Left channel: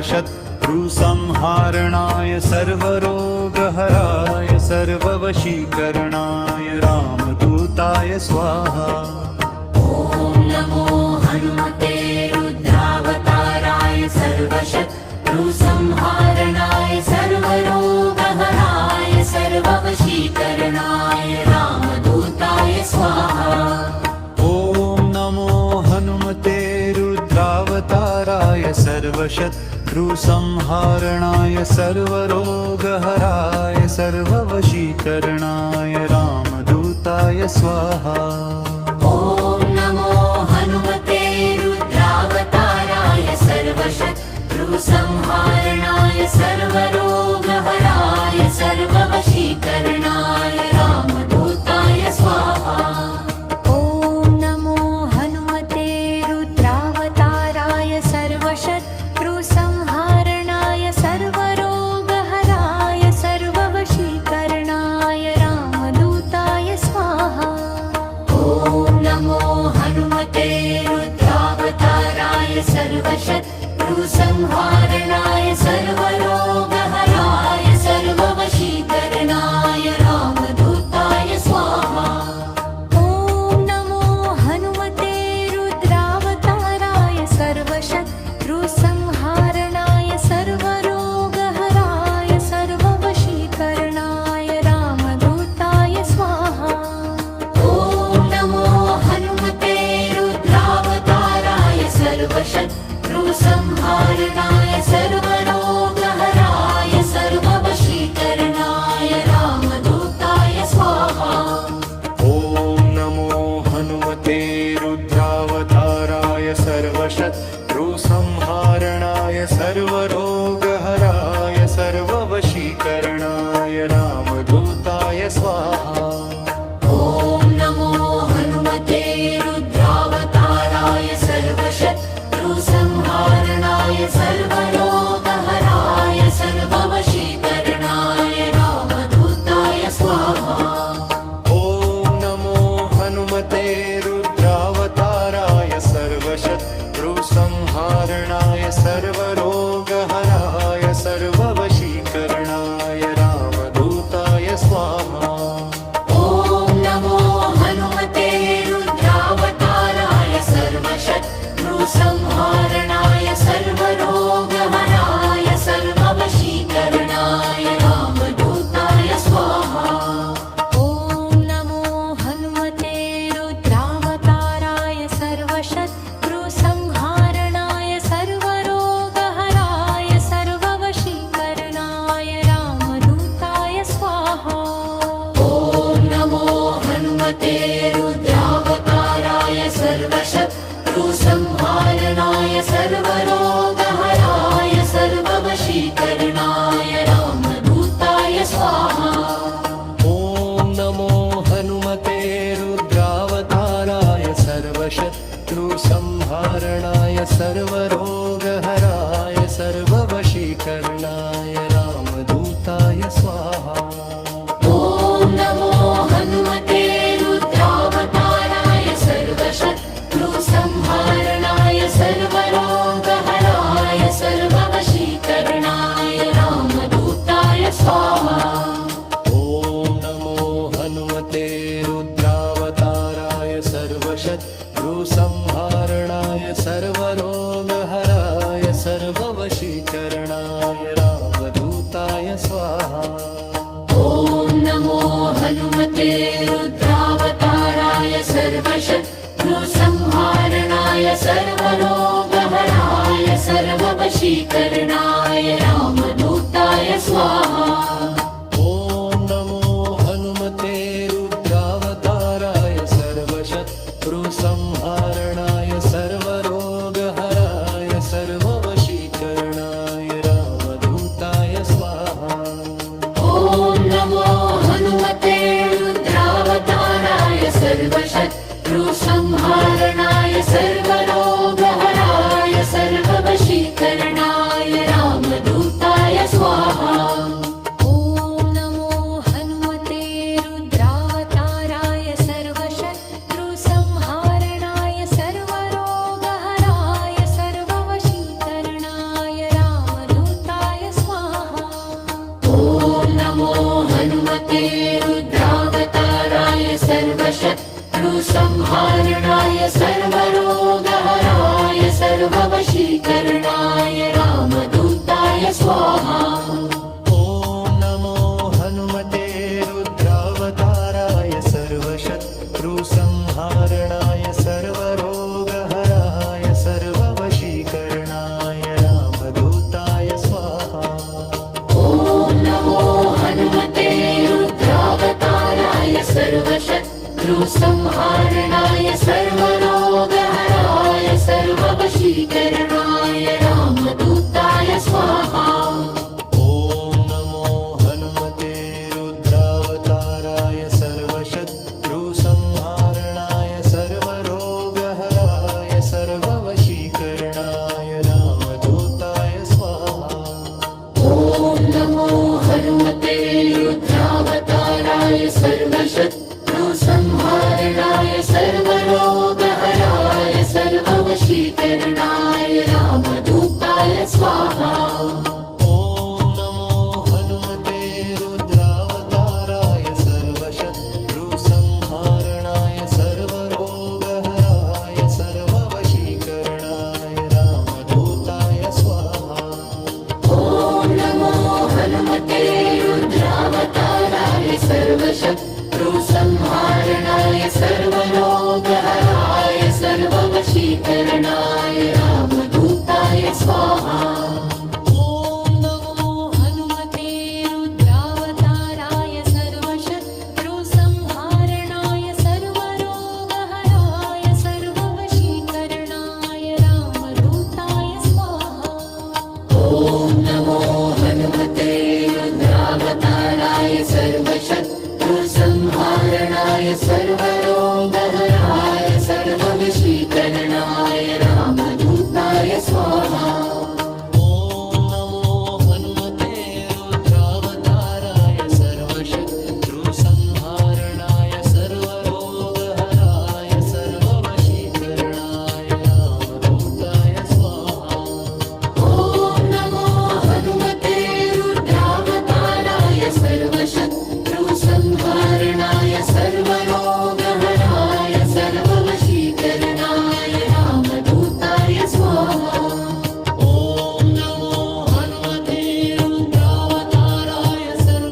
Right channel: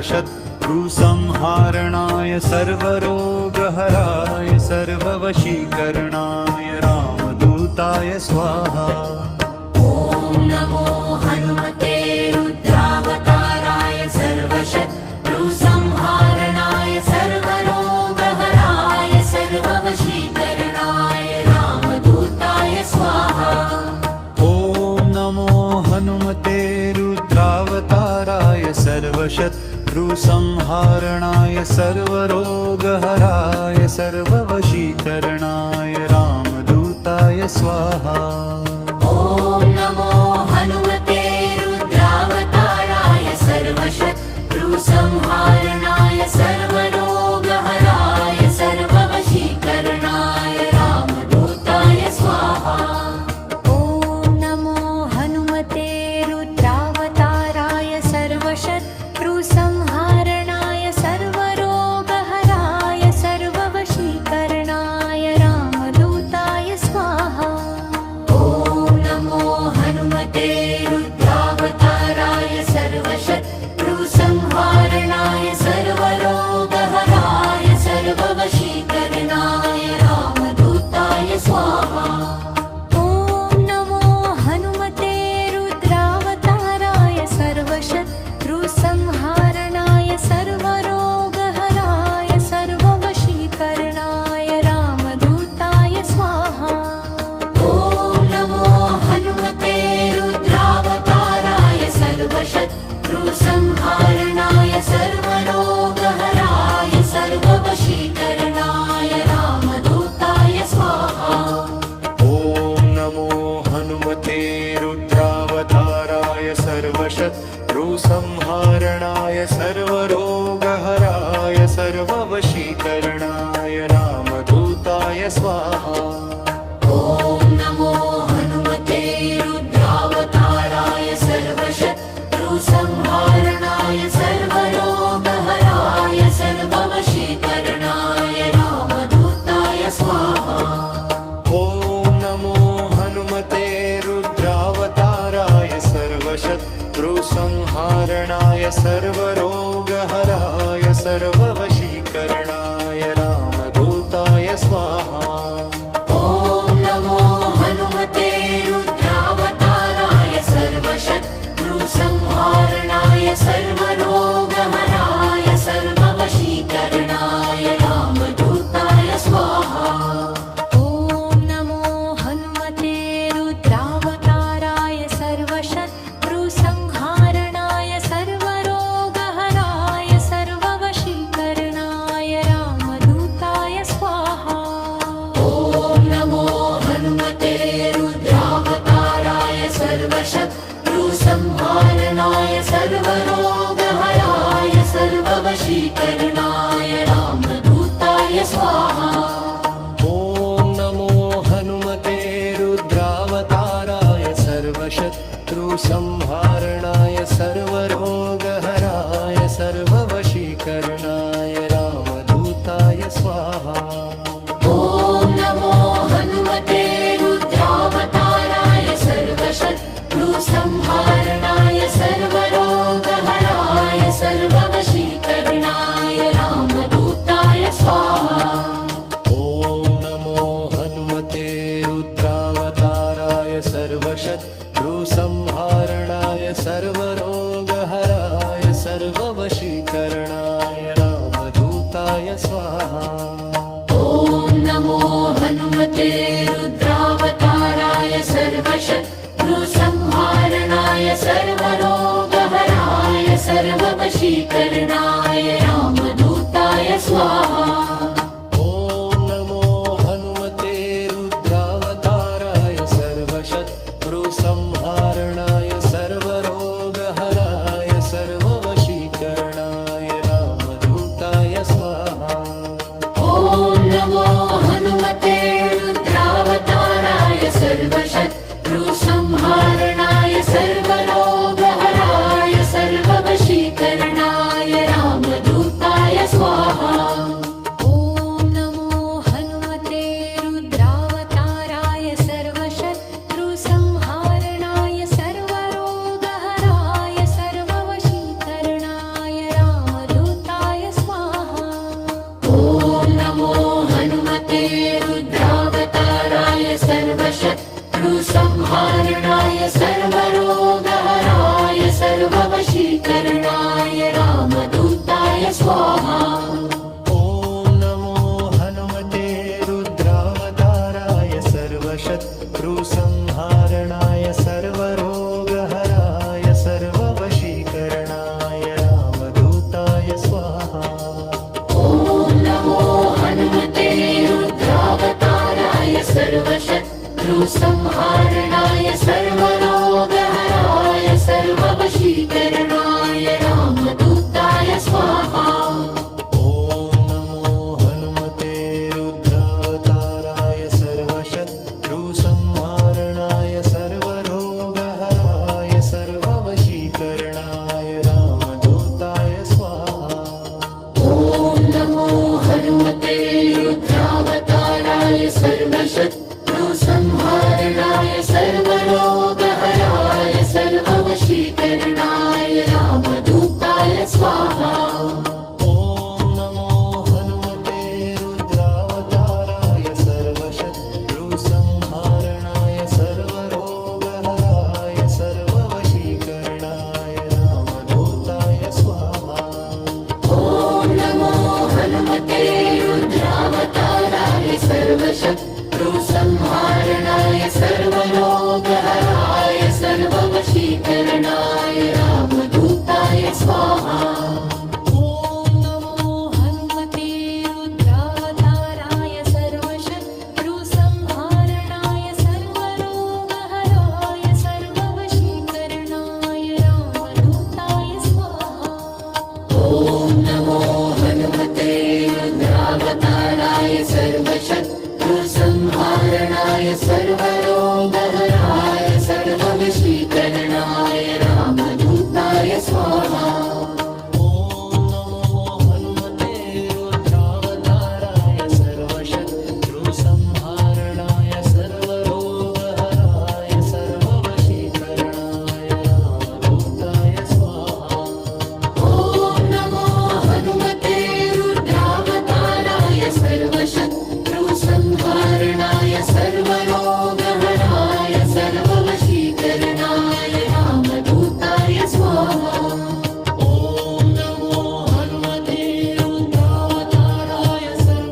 सर्वशत्रुसंहारणाय सर्वरोगहराय सर्ववशीकरणाय रामदूताय स्वाहा। ॐ नमो हनुमते रुद्रावताराय सर्वशत्रुसंहारणाय सर्वरोगहराय सर्ववशीकरणाय रामदूताय स्वाहा। ॐ नमो हनुमते रुद्रावताराय सर्वशत्रुसंहारणाय सर्वरोगहराय सर्ववशीकरणाय रामदूताय स्वाहा। ॐ नमो हनुमते रुद्रावताराय सर्वशत्रुसंहारणाय सर्वरोगहराय सर्ववशीकरणाय रामदूताय स्वाहा। ॐ नमो हनुमते रुद्रावताराय सर्वशत्रुसंहारणाय सर्वरोगहराय सर्ववशीकरणाय रामदूताय स्वाहा। ॐ नमो हनुमते रुद्रावताराय सर्वशत्रुसंहारणाय सर्वरोगहराय सर्ववशीकरणाय रामदूताय स्वाहा। ॐ नमो हनुमते रुद्रावताराय सर्वशत्रुसंहारणाय सर्वरोगहराय सर्ववशीकरणाय रामदूताय स्वाहा। ॐ नमो हनुमते रुद्रावताराय सर्वशत्रुसंहारणाय सर्वरोगहराय सर्ववशीकरणाय रामदूताय स्वाहा। ॐ नमो हनुमते रुद्रावताराय सर्वशत्रुसंहारणाय सर्वरोगहराय सर्ववशीकरणाय रामदूताय स्वाहा। ॐ नमो हनुमते रुद्रावताराय सर्वशत्रुसंहारणाय सर्वरोगहराय सर्ववशीकरणाय रामदूताय स्वाहा। ॐ नमो हनुमते रुद्रावताराय सर्वशत्रुसंहारणाय सर्वरोगहराय सर्ववशीकरणाय रामदूताय स्वाहा। ॐ नमो हनुमते रुद्रावताराय सर्वशत्रुसंहारणाय सर्वरोगहराय सर्ववशीकरणाय रामदूताय स्वाहा। ॐ नमो हनुमते रुद्रावताराय सर्वशत्रुसंहारणाय सर्वरोगहराय सर्ववशीकरणाय रामदूताय स्वाहा। ॐ नमो हनुमते रुद्रावताराय सर्वशत्रुसंहारणाय सर्वरोगहराय सर्ववशीकरणाय रामदूताय स्वाहा। ॐ नमो हनुमते रुद्रावताराय सर्वशत्रुसंहारणाय सर्वरोगहराय सर्ववशीकरणाय रामदूताय स्वाहा। ॐ नमो हनुमते रुद्रावताराय सर्वशत्रुसंहारणाय सर्वरोगहराय सर्ववशीकरणाय रामदूताय स्वाहा। ॐ नमो हनुमते रुद्रावताराय सर्वशत्रुसंहारणाय सर्वरोगहराय सर्ववशीकरणाय रामदूताय स्वाहा। ॐ नमो हनुमते रुद्रावताराय सर्वशत्रुसंहारणाय सर्वरोगहराय सर्ववशीकरणाय रामदूताय स्वाहा। ॐ नमो हनुमते रुद्रावताराय सर्वशत्रुसंहारणाय सर्वरोगहराय सर्ववशीकरणाय रामदूताय स्वाहा। ॐ नमो हनुमते रुद्रावताराय सर्वशत्रुसंहारणाय सर्वरोगहराय सर्ववशीकरणाय रामदूताय स्वाहा। ॐ नमो हनुमते रुद्रावताराय सर्वशत्रुसंहारणाय सर्वरोगहराय सर्ववशीकरणाय रामदूताय सर्वसंहारणाय सर्वरोगहराय सर्ववशीकरणाय रामदूताय स्वाहा ॐ नमो हनुमते रुद्रावताराय सर्वशत्रुसंहारणाय सर्वरोगहराय सर्ववशीकरणाय रामदूताय स्वाहा ॐ नमो हनुमते रुद्रावताराय सर्वशत्रुसंहारणाय सर्व